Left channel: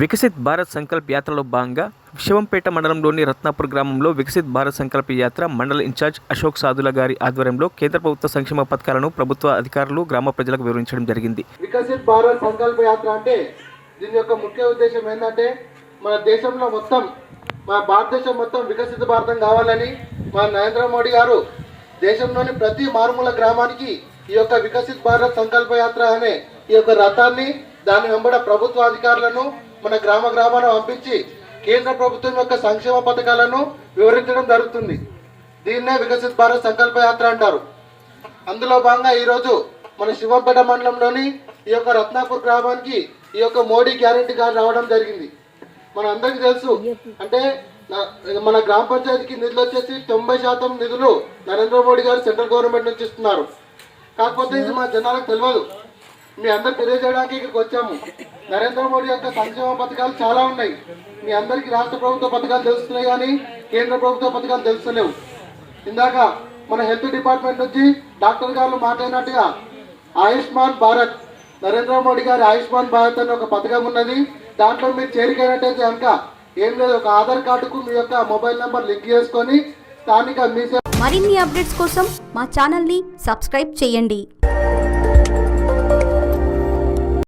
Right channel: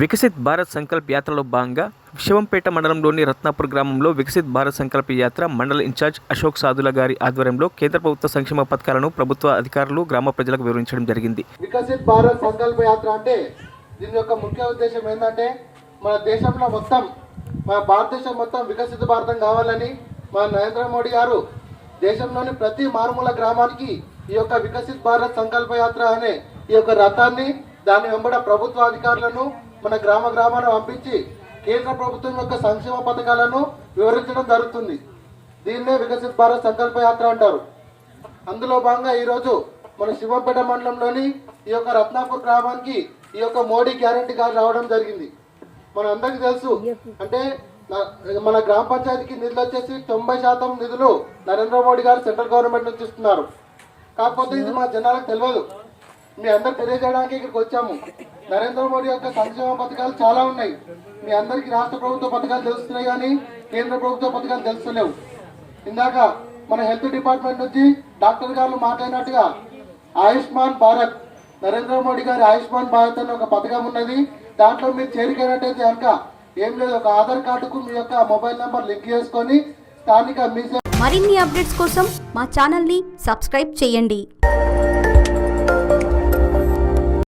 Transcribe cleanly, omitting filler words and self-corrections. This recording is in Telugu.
వికసిత్ భారత్ సంకల్ప్ యాత్రలో భాగంగా శివంపేట మండలంలోని రత్నాపూర్ గ్రామంలో వికసిత్ భారత్ సంకల్ప యాత్ర మండల ఇన్ఛార్జ్ అశోక్ సాదుల గారి ఆధ్వర్యంలో కేంద్ర ప్రభుత్వ సంక్షేమ పథకాలను ప్రభుత్వ అధికారులు గ్రామ ప్రజలకు వివరించడం జరిగింది. వికసిత్ భారత్ సంకల్ప యాత్ర అంటే దీని యొక్క ముఖ్య ఉద్దేశం ఏంటంటే మన దేశంలో మొత్తం మన భారతదేశం మొత్తం వికసిత భారతం కావాలని మన నరేంద్ర మోడీ గారు దేశంలోని ప్రతి మారుమూల గ్రామానికి ఈ యొక్క వికసిత్ భారత్ సంకల్ప యాత్ర అనే ఈ యొక్క రథాన్ని దాని వెంబడ ప్రభుత్వ అధికారులను మన గ్రామాలను పంపించి కేంద్ర ప్రభుత్వం యొక్క సంక్షేమ పథకాలను వివరించడం జరుగుతుంది. దీన్నే వికసిత్ భారత్ సంకల్ప యాత్ర అంటారు. అందులో భాగంగా ఈరోజు మన శివంపేట మండలంలోని ఈ యొక్క రత్నాపూర్ గ్రామానికి ఈ యొక్క మోడీ గ్యారంటీ కార్డు రావడం జరిగింది. మన అందరికీ తెలుసు, అంటే మన గ్రామ పంచాయతీకి నిధులు వచ్చేసి 90% నిధులు నరేంద్ర మోడీ గారు సెంట్రల్ గవర్నమెంట్ నుంచి ఇస్తున్నారు. కాకపోతే ఇది మా జనాలకు తెలియదు. మీ అందరు తెలియజేయడానికి ఇక్కడికి వచ్చాము. నరేంద్ర మోడీ యొక్క సంక్షేమ పథకాలు చాలా ఉన్నాయి. మీ అందరికీ రాష్ట్ర ప్రభుత్వ పథకాలు తెలుస్తున్నాయి కానీ కేంద్ర ప్రభుత్వ పథకాలు తెలుస్తలేవు. ఇందాక మన హెల్త్ డిపార్ట్మెంట్ నుంచి డాక్టర్ గారు మాట్లాడినట్టుగా ఆయుష్మాన్ భారత్, నరేంద్ర మోడీ గారి ఆయుష్మాన్ భారత్ అని ఒక పథకం ఉన్నది. దాంట్లో మీరు చేరికైనట్టయితే కనుక ఏం లేదు, ఒక ఆధార్ కార్డుకు మీ యొక్క మొబైల్ నెంబర్ లింక్ చేసుకొని స్థానిక మీ మరిన్ని అప్డేట్స్ కోసం మా ఛానల్ని సబ్స్క్రైబ్ చేయండి.